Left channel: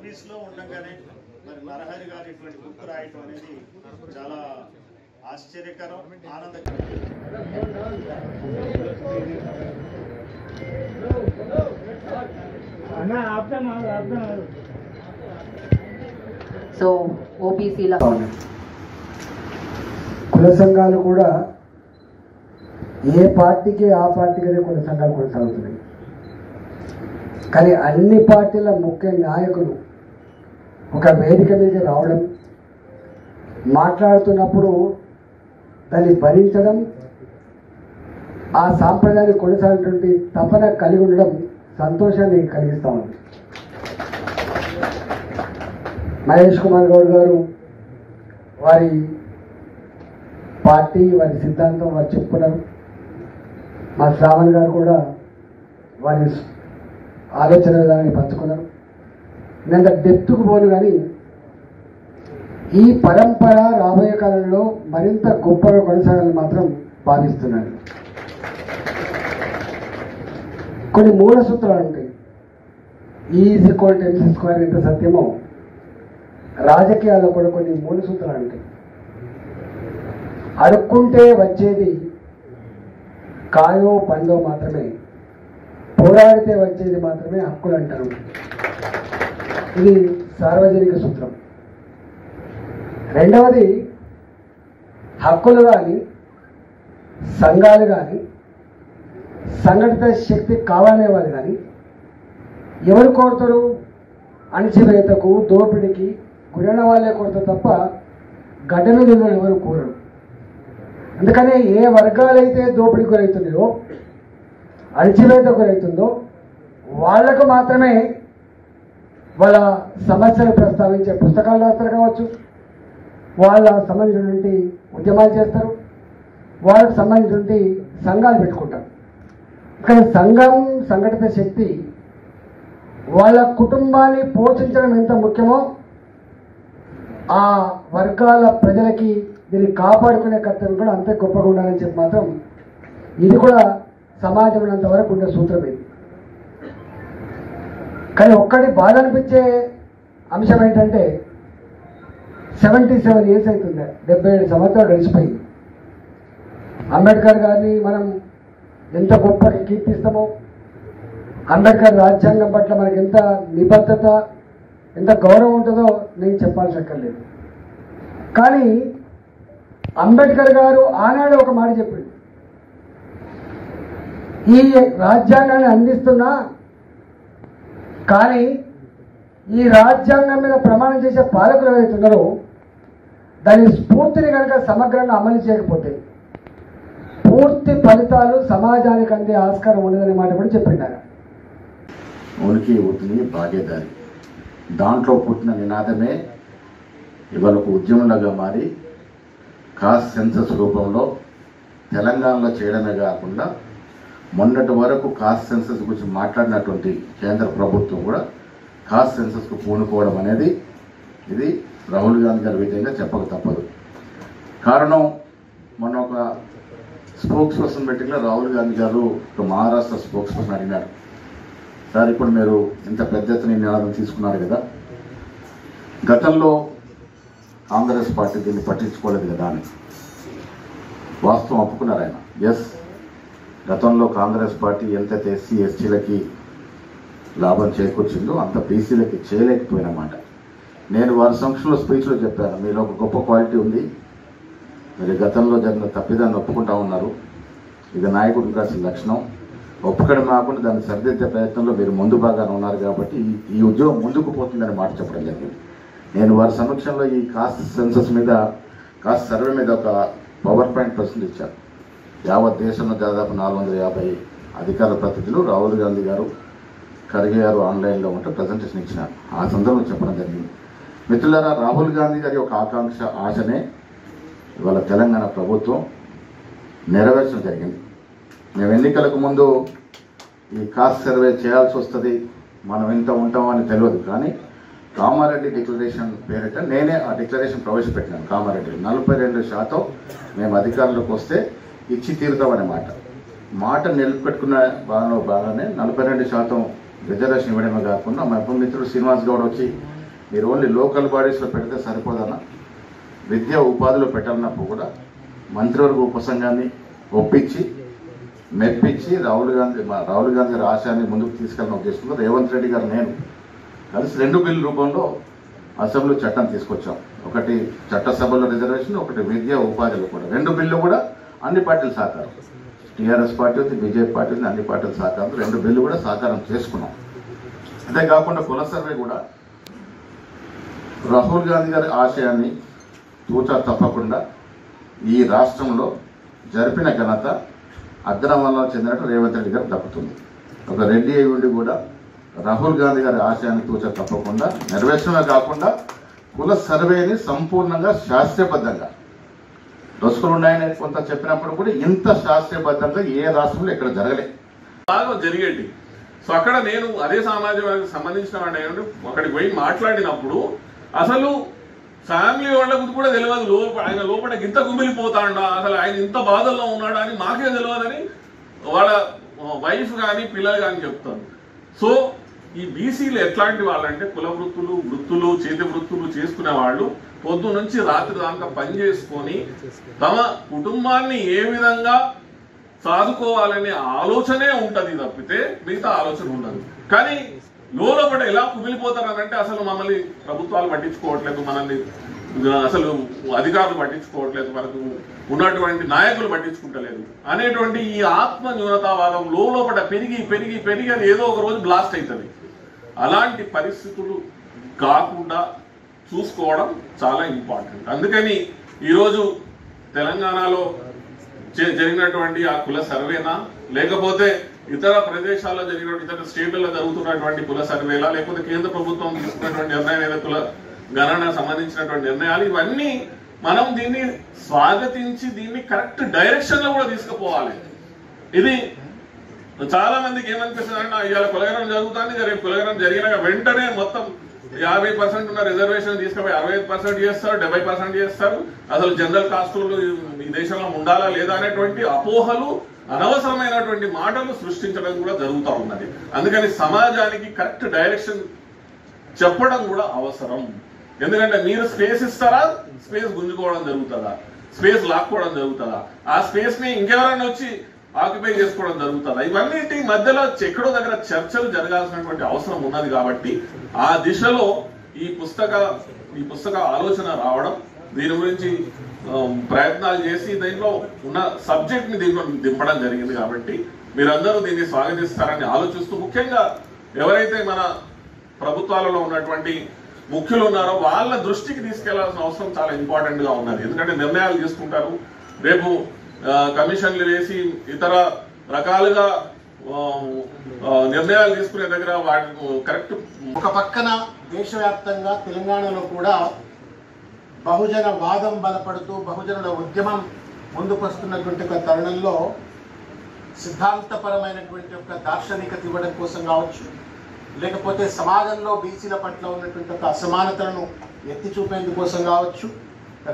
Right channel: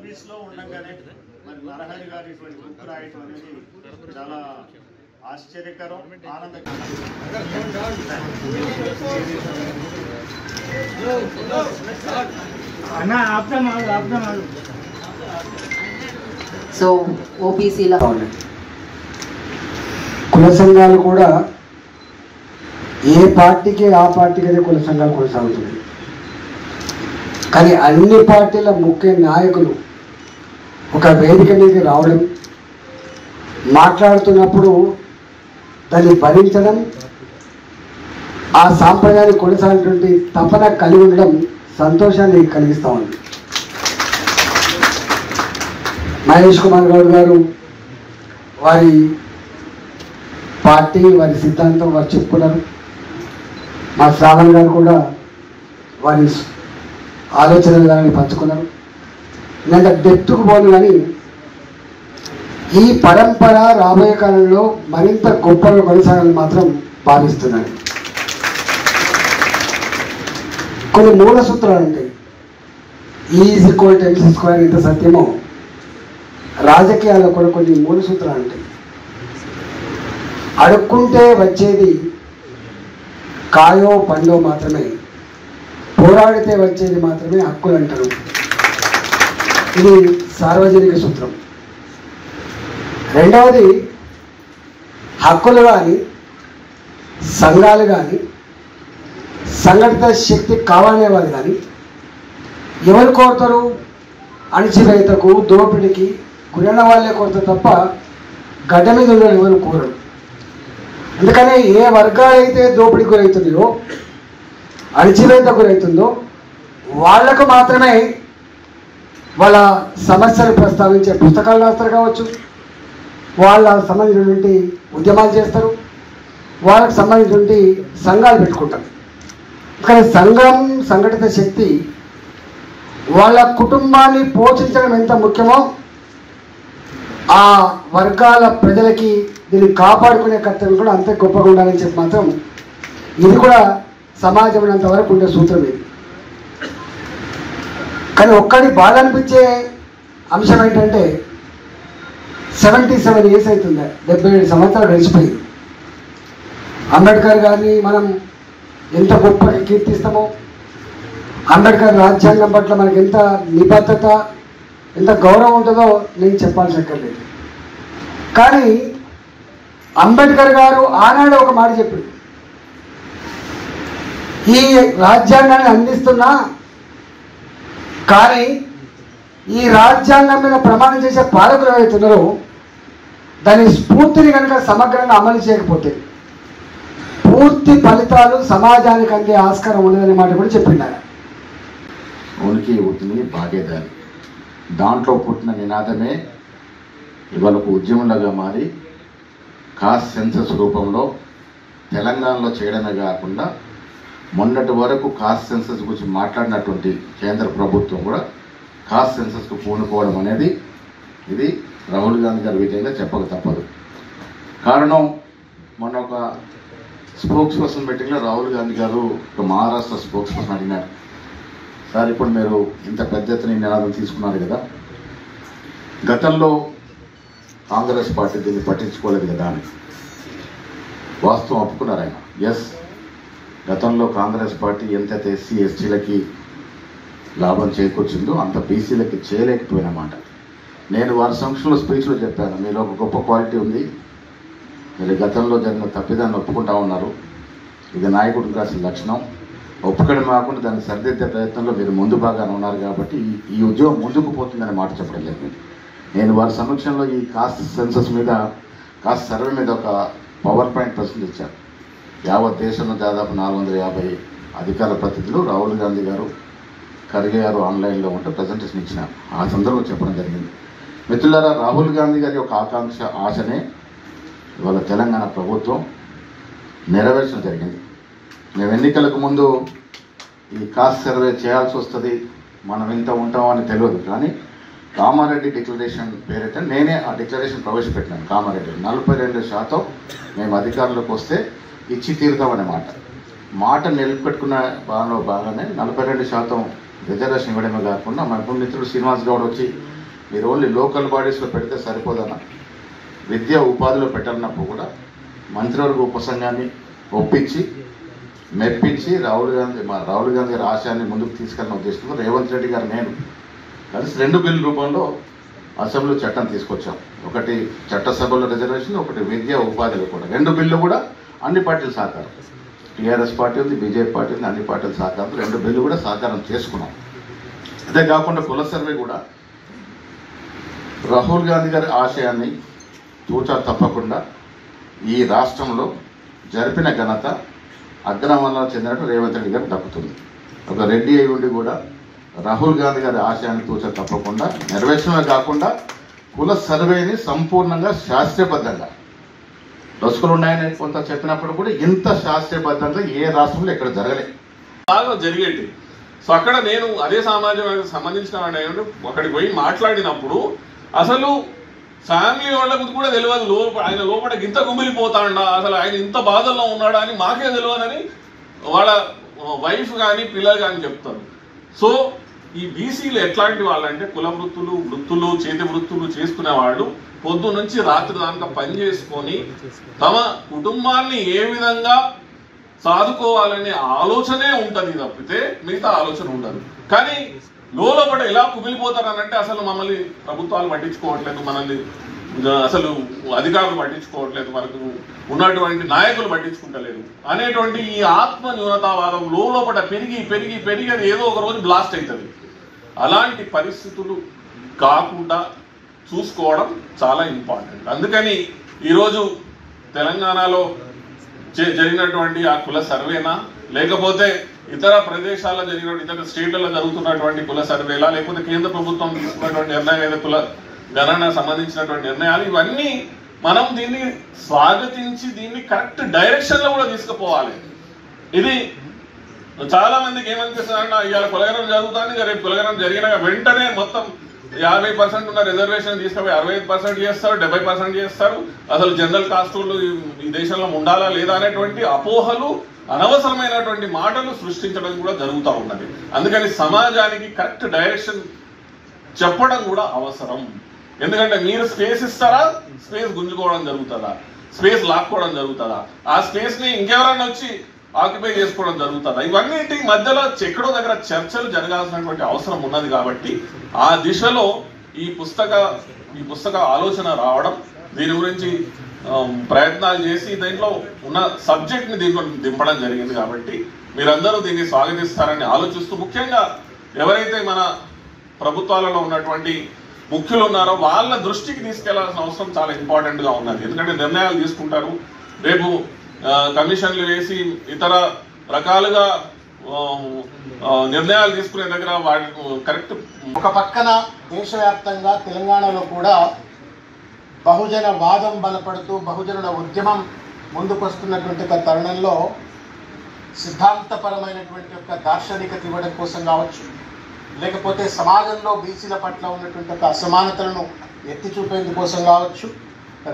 సర్వీస్లో ఉండగానే మరి నరహరి గారు ఇటువంటి బుక్ రాయటం అనేది చాలా ఆశ్చర్యకరం, ఆనందకరం. సో ఓబీసీల కుల సంఘాలు కూడా ఏ పార్టీకి ఆ పార్టీకి కుల సంఘాలు కొనసాగుతున్నాయి. కానీ అన్ని పార్టీల ముఖ్య నాయకులు ఒక వేదిక మీదకి రావడం, మాట్లాడుతున్నప్పుడు దాన్ని భరించడం, ఆ సాంప్రదాయాన్ని కొనసాగినటువంటి తపన కలిగి ఉండడం సంతోషాన్ని కలిగిస్తూ ఉంది. మహేష్ కుమార్ గౌడ్ గారు వారి పార్టీ, వారి సిద్ధాంతం వారు చెప్పుకున్నారు. మా శ్రావణ్ గారు కూడా వారి ఆలోచన విధానాన్ని పంచుకున్నారు. నేను డెప్త్కు పోను, కానీ ఈ పరంపర రాబోయే కాలంలో మరింత గొప్పగా కొనసాగాలని మాత్రం భావిస్తున్నాను. కొన్ని మూల సూత్రాలు ఉంటాయి. E=MC² ఎంత సత్యమో రాజకీయాల్లో కూడా కొన్ని మూల సూత్రాలు ఉంటాయి. అడుక్కుంటే వచ్చేది కాయో పండో మాత్రమే, పోరాడితే వచ్చేది మాత్రమే హక్కులు అంటారు. ఇది సార్వజనిక సూత్రం. రెండవది, హక్కులు కానీ సంఘాలు కానీ సంఘటిత శక్తి కావాలనేవారు కానీ ఎవరు కోరుతారు? అణచివేతకు, దోపిడికి గురైన వాళ్ళే కోరుతారు తప్ప గడ్డ మీద ఉన్న ఎవరు కోరరు. అందుకనే ఏ వర్గాలైతే దోపిడికి గురవుతున్నాయో, అణచివేత గురవుతుందో వాళ్లకు మాత్రమే వాళ్ళ సమస్యలు ప్రస్తావించే పుస్తకాలు రాస్తారు కావచ్చు, వాళ్ళ సంబంధించినటువంటి ఉద్యమాలు చేస్తారు, వాళ్ళకు సంబంధించినటువంటి సంఘాలు పెట్టుకుంటారు. కానీ సంఘం, సంఘటిత శక్తి వాళ్ళ కుటుంబాన్ని పోషించడం ఎంత ముఖ్యమో ఆ వర్గాల ప్రజలకి దీన్ని కాపాడుకునే కర్తవ్యం కూడా అంతే గొప్పగా ఉండాలని చెప్పి మాత్రం ఇది కూడా సమాజం ఉన్నంత వరకు ఉండే సూత్రం ఇది. కానీ ఒక్కటి బాధ అనిపించే అంశం ఏంటంటే 77 years అవుతుంది, 77 సంవత్సరాలు గడిచిపోయింది. అంబేద్కర్ గారిని మనం ఎంత గొప్పగా కీర్తిస్తామో, అంబేద్కర్ రాజ్యాంగం పట్ల మనకి ఎంత నిబద్ధత, ఎంత గౌరవం ఉంటుందో నేను చెప్పాల్సి అక్కర్లేదు. కానీ అంబేద్కర్ గారు ఆనాడు ఒక మాట చెప్పింది, ఈ రాజ్యాంగాన్ని అందిస్తున్నా కానీ ఈ రాజ్యాంగం మీద ప్రమాణం చేసే పాలకులు ఏవైతున్నారో దాని స్ఫూర్తిని కనుక సమగ్రంగా అమలు చేయకపోతే పూర్తి ఫలితాలు సమాజానికి అందే ఆస్కారం ఉండదనే మాట కూడా చెప్పిండారు. ఉనికి ఉనికి భాగ్యదారి, దాంట్లో పుట్టిన నినాదమే ఇవాళ ఒక ఉద్యమంలాగా మారి కాస్ట్ సెన్సస్ రూపంలో తెలంగాణలో చేయడమే కాకుండా మొన్నటి వరకు కాస్ట్ సెన్సస్ గురించి మాట్లాడినటువంటి కేంద్ర ప్రభుత్వం కూడా కాస్ట్ సెన్సస్కు పూనుకోవడం అనేది ఇది రాహుల్ గాంధీ గారి విజయంగా చెప్పక తప్పదు. కారణం, మొన్న ఒక స్పోక్స్ పర్సన్ మీటింగ్లో రాహుల్ గాంధీ గారు ఒక మహారాష్ట్ర స్పోక్స్ పర్సన్ అడిగినారు, సార్ ఇప్పుడు మీరు ఇంత పెద్ద ఎత్తున నినాదం తీసుకున్నారు కదా, గతంలో కాంగ్రెస్ పార్టీ దీన్ని పట్టించుకోలేదు కదా అని. వాస్తవం ఒప్పుకున్నారు ఆయన. ఎస్, గతంలో కాంగ్రెస్ పార్టీ ఎంతైతే ఎస్సీ ఎస్టీలకి లాభం చేకూర్చిందో అంత బీసీలకి చేయలేకపోయినమాట. నేను వారి సంక్షంలో స్పీచ్లో చెప్పాను, మీలో ఒక గొప్ప క్వాలిటీ ఉంది, మీరు గతంలో జరిగిన తప్పిదాన్ని ఒప్పుకుంటా ఉన్నారు, ఇది నాయకుడికి కాసిన లక్షణం, ఒప్పుకోవడం కాకుండా దాన్ని సరిదిద్దే ప్రయత్నంలో మీరు ముందు భాగాన ఉన్నారు కాబట్టి ఈ ఉద్యోగం ముందుకు పోతుందనే మాట చెప్పడం జరిగింది. నేను వారి సమక్షంలో ఈ కాస్ట్ సెన్సస్ మీద, కాస్ట్ సర్వే మీద ఒక పవర్ పాయింట్ ప్రశ్నలు ఇచ్చారు. యావత్ దేశంలో దాదాపు 450 అధికార ప్రతినిధులు రాహుల్ గాంధీ గారు, ఖర్గే గారు ఆన్లైన్లో ఉంటే ప్రజెంటేషన్ ఇచ్చినారు. ఆ సందర్భంలో చెప్పడం జరిగింది. మిత్రులారా, రాహుల్ గాంధీ గారి యొక్క ఆకాంక్ష, ఆశనే ఇవాళ తెలంగాణ ప్రభుత్వం నెరవేర్చడం జరిగింది. మేము ఎన్నికలకు ముందు ఈ కాస్ట్ సర్వే చేయాల్సి వస్తుంది, మనం ఇంత ఉంటామని తెలియదు, కానీ కామారెడ్డి డిక్లరేషన్ పేరిట నేనే ఆ డిక్లరేషన్ ప్రవేశపెట్టినాను. కామారెడ్డి 42% మేము అధికారంలోకి వస్తే ఇచ్చి తీరుతామనే మాట నిలబెట్టుకున్న భాగంలో భాగానే 42% రిజర్వేషన్ ఇవ్వడమే కాకుండా మా మిత్రుడు శ్రీనివాస్ గౌడ్ వచ్చి మీరు ఓన్లీ లోకల్ బాడీస్లో పెడితే సరిపోదన్న, విద్య ఉపాధిలో పెట్టాలన్నప్పుడు కూడా మంత్రివర్గ ఉపసంఘాన్ని ఒప్పించి మెప్పించి రాహుల్ గాంధీ గారి ఆశయాన్ని ముందుకు తీసుకెళ్ళిన ఉద్దేశంలో రేవంత్ రెడ్డి గారు నేను కలిసి 2 బిల్లు రూపంలో అసెంబ్లీ చట్టం తీసుకొచ్చాం. ఒకటి చట్టసభలో రిజర్వేషన్, ఒకటి విద్య ఉపాధిలో కూడా. 2 బిల్లు కూడా అన్ని పార్టీలు సహకారం, టీఆర్ఎస్ పార్టీ ఉంది, బీజేపీ పార్టీ ఉంది, అన్ని పార్టీల సహకారం 2 బిల్లు కూడా సహకారం చేసుకున్నాం. అంతేకాకుండా కుల సర్వే కూడా రాహుల్ గాంధీ గారి ఆశయాన్ని తూచా తప్పకుండా ఈ రాష్ట్రంలో జరిపిన ఘనత అగ్రవర్ణంలో చెందినట్టు రేవంత్ రెడ్డి గారు దక్కుతుంది. ఒక రెడ్డి అయి ఉండి కూడా రాహుల్ గాంధీ గారి ఆశయాన్ని తూచా తప్పకుండా నెరవేర్చడమే కాకుండా కుల సర్వేని సంపూర్ణంగా శాస్త్రీయబద్ధంగా లొసుకులు ఉన్నాయని కొంత చెప్పినప్పుడు కూడా ఇంత శాస్త్రీయబద్ధంగా ఏ రాష్ట్రంలో ఎక్కడ జరగలేదు, బాగా జరిగేది. సో అక్కడ నేను అదే సమాజానికి సంబంధించిన అక్కడికి పోయి మాట్లాడినప్పుడు అసలు ఫ్యామిలీ వాళ్ళకు కూడా తెలియదు, ఆయన లోపల ఇంత గుమిలిపోతాడా, అసలు ఆయన ఇంత బాధల్లో ఉన్నాడా అని మాకే తెలియదని వాళ్ళ వైఫ్ కానీ పిల్లలు కానీ చెప్తారు. సో ఈ బీసీలు ఎట్లాంటి వాళ్ళంటే కుల వృత్తులు చేతి వృత్తులు చేసుకునే వాళ్ళు పొద్దు నుంచి రాత్రి దాకా పని చేసుకొని తమ కుటుంబాన్ని ఏ విధంగా సాదుకోవాలనే ఆలోచనే ఉంటుంది తప్పితే మిగతా ఆలోచన ఉండదు. కానీ లోపల ఎలా కుమిలిపోతారనంటే అసలు మమ్మల్ని ప్రభుత్వాలు పట్టించుకోవట్లేదు, మనల్ని అసలు అధికారులు పట్టించుకోవట్లేదు, మనకు ఉన్నటువంటి నాయకులు పట్టించుకుంటలేదు అనేటువంటి ఈ ఆత్మ న్యూనతావాదం లోపల పెరిగి పెరిగి పెరిగి అది ఏదో ఒక రోజు బ్లాస్ట్ అవుతుంది. అలాంటి పరిస్థితులు కాకుండా చూసుకోవడం చాలా ఇంపార్టెంట్. అందుకని ఈరోజు తెలంగాణలో జరిగినటువంటి ఆ కుల సర్వేనా, లేకపోతే ఇతర ప్రదేశాల్లో జరిగినటువంటి ఇతర స్టేట్లలో జరుగుతున్నటువంటి కుల సర్వేలా, లేకపోతే కేంద్ర ప్రభుత్వం తీసుకున్నటువంటి నిర్ణయం ఏదో కుల గణన సంబంధించినటువంటి నిర్ణయాలు, ఇవన్నీ మనం దీన్ని స్వాగతించి దీన్ని కరెక్ట్ డైరెక్షన్ లో కూడా తీసుకుపోవాలి. ఇది చాలా మందికి ఏమనిపిస్తుందంటే ఇవాళ కులగనం జరుగుతుంది, రేపు కులగనం జరిగిన వెంటనే మొత్తం 50% ఉన్న రిజర్వేషన్ తీసుకుపోయి 65% చేస్తారు, 70% చేస్తారు. అసలు జనరల్ కాస్ట్ ఈ దేశంలో ఉండాలా లేదా అనేటువంటి అపోహలు, అనవసరమైనటువంటి మాటలు సృష్టించడం కూడా జరుగుతూ ఉన్నది. అందుకని సమాజానికి కరెక్ట్ డైరెక్షన్ చెప్పడం కూడా అవసరం. ఎందుకంటే మీరు స్పేస్ ఇస్తారా, స్పేస్ గుంజుకోవడం జరుగుతుందా, స్పేస్ లాక్కోవడం జరుగుతుందా, ఆ స్పేస్ ని ఇంకెవరైనా వచ్చి ఆక్యుపై చేసుకోవడం జరుగుతుందా, ఇవన్నింటి మధ్యలో ఎక్కడో దగ్గర చర్చలు జరగాల్సినటువంటి అవసరం ఉన్నది. కాబట్టి ఆ దిశలో ఈ పుస్తక ఆలోచన రావడం, దీని గురించి ప్రయత్నాలు చేసి దీంట్లో ఉన్న సబ్జెక్ట్ ని దీంట్లో దింపడం జరిగింది. కాబట్టి మీరందరూ దీన్ని స్వాగతిస్తారని ఆలోచిస్తూ, ముఖ్యంగా ఎవరైతే మన ప్రభుత్వాలలో ఉన్నటువంటి ముఖ్యులు ఉన్నారో వాళ్ళ దృష్టికి తీసుకెళ్లాల్సిన అవసరం చాలా ఇంపార్టెంట్ గా ఉన్నది. ఎందుకంటే నిర్ణయాలు తీసుకుంటారు, రేపు కమిషన్లు వేసి ఇతర రకాలుగా నిర్ణయాలు తీసుకునే దగ్గర వాటి కరెక్ట్. ఒక పక్కన దేశవ్యాప్తంగా తెలంగాణలో కూడా బహుజన వాదం బలపడుతూ బహుజనుల ఉద్యమం ముందుకు వస్తున్నటువంటి ఒక తరుణంలో సిద్ధాంతపరమైనటువంటి ఒక దార్శనికత ఇవ్వడం కోసం కావచ్చు, లేకపోతే సమాజంలో బీసీల పట్ల ఉన్నటువంటి ఒక అసమానతలను ఎత్తి చూపేందుకు కోసం కావచ్చు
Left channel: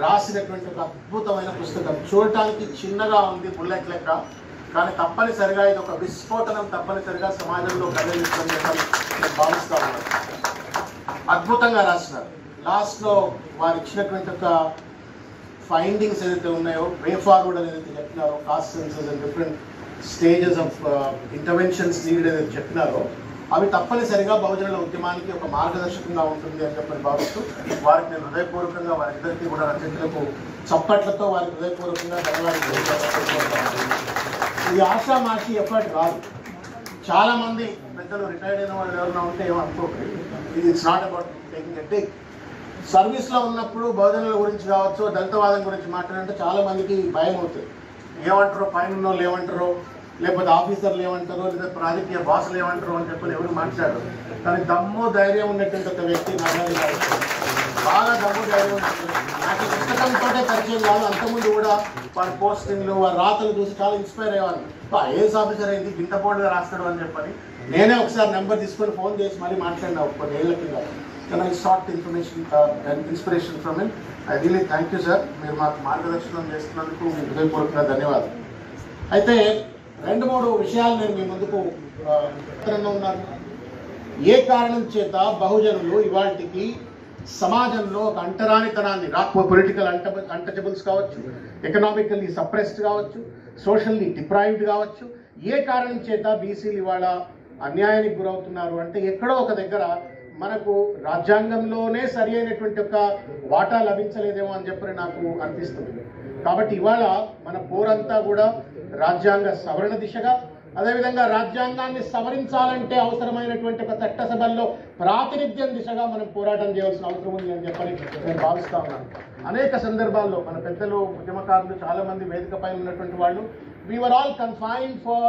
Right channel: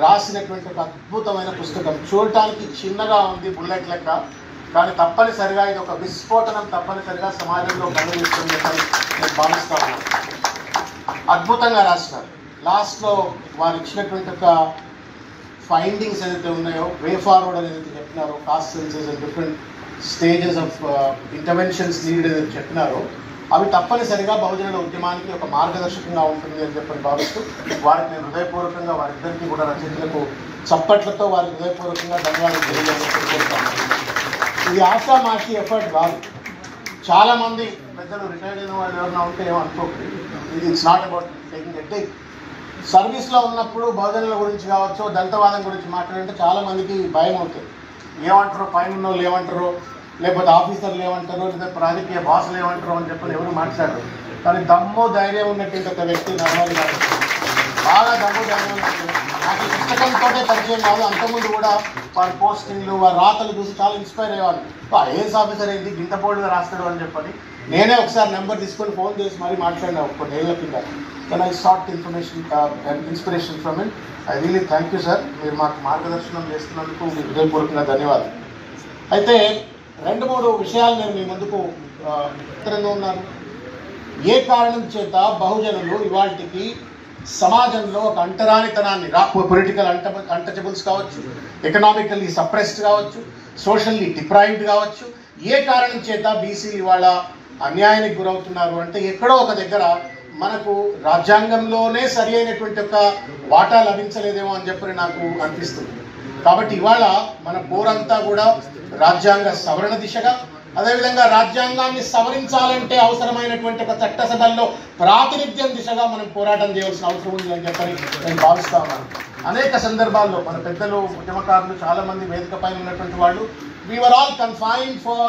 రాసినటువంటి ఒక అద్భుతమైన పుస్తకం. చూడటానికి చిన్నగా ఉంది, బుల్లెట్ లెక్క, కానీ తప్పనిసరిగా ఇది ఒక విస్ఫోటనం తప్పనిసరిగా సమాజంలో కలిగిస్తుందని నేను భావిస్తాను. అద్భుతంగా రాసినారు. లాస్ట్లో వారు ఇచ్చినటువంటి ఒక ఫైండింగ్స్ ఏదైతే ఉన్నాయో, వే ఫార్వర్డ్ అని ఏదైతే చెప్పినారో, caste censuses and different stages of interventions needed ఏదైతే చెప్పినారో, అవి తప్పనిసరిగా బహుజనుల ఉద్యమానికి ఒక మార్గదర్శకంగా ఉంటుంది అని చెప్పని భావిస్తూ వారికి నేను హృదయపూర్వకంగా వారిద్దరికీ కూడా రచయితలకు చప్పట్లతో వారికి హృదయపూర్వకంగా ధన్యవాదాలు తెలియజేయాలని. ఇది ఆషామాషి ఎఫర్ట్ కాదు. చాలామంది పెద్దలు రిటైర్డ్ అయిన వాళ్ళు ఎవరైనా ఉంటే ఏమనుకోకండి, ఇది it's not about taking a take. సర్వీస్లో ఉన్నప్పుడు బహుజనుల గురించి కావచ్చు, దళితవాదం గురించి మాట్లాడంటే చాలామందికి భయం అవుతుంది. ఏమంటారో, పైన ఉన్న వాళ్ళు ఏమంటారో, లేకపోతే ఆఫీసర్లు ఏమంటారో, లేదా రాజకీయ బాసులు ఏమంటారో అని చెప్పని ఎవరు మాట్లాడరు. కానీ దమ్ము ధైర్యం ఉన్నటువంటి ఒక వ్యక్తి నరహరి గారు, బాగా దమ్ము ధైర్యం ఉన్నటువంటి. నాకు ఈ పుస్తకంతో పరిచయం కాదు, అంతకుముందు కూడా వారి పోస్టింగ్లు, వారి రాతలు చూసి చాలా ఇన్స్పైర్ అయ్యేవాళ్ళు. ఐఏఎస్ ఆఫీసర్ ఏంటి గింత బోల్డ్గా రాస్తాడు అని చెప్పని నేనే ఒకసారి నెంబర్ తీసుకొని ఫోన్ చేసి మరీ మాట్లాడినా కొన్ని ఏళ్ళ కింద. కానీ I sought inspiration from him. I really thank you sir, మీరు మాకు మార్గదర్శనం చేస్తున్నందుకు మీకు హృదయపూర్వకంగా ధన్యవాదాలు. అయితే 2-3 విషయాలు నేను మీ ముందుకు ఉత్తరంగా ఉన్నాను. ఏ కారణం చేత బహుజనులు ఇవాళకి సమాజంలో ఒక అంటరానితనాన్ని పొలిటికల్ అన్టచబుల్స్ కావచ్చు, ఎకనామికల్లీ సప్రెస్డ్ కావచ్చు, సోషల్లీ డిప్రైవ్డ్ కావచ్చు, ఏ కారణం చేత బీసీలు ఇవాళ అన్యాయానికి గురవుతున్నారు అంటే ఎక్కడో ఒక దగ్గర మనకు రాజ్యాంగంలోనే సరి అయినటువంటి ఒక వాటా లభించలేదేమో అని చెప్పి నాకు అనిపిస్తుంది. కాబట్టి ఇవాళ మన పోరంతా కూడా రాజ్యాంగ సవరణ దిశగా, అదేవిధంగా రాజ్యాంగాన్ని సవరించాలంటే అవసరమైనటువంటి ఒక చట్టసభల్లో ప్రాతినిధ్యం దిశగా మనం పోరాటం చేయవలసిన అవసరం ఉంది అని చెప్పని నేను భావిస్తా ఉన్నాను. అనేక సందర్భాల్లో మన పెద్దలు, ఉద్యమకారులు చాలా మంది వేదిక పైన ఉన్నటువంటి వాళ్ళు we were all confined for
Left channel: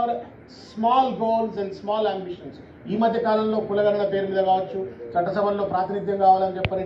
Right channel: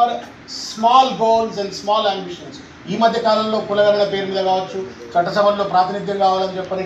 small goals and small ambitions. ఈ మధ్య కాలంలో కులగణన పేరు మీద కావచ్చు, చట్టసభల్లో ప్రాతినిధ్యం కావాలని చెప్పని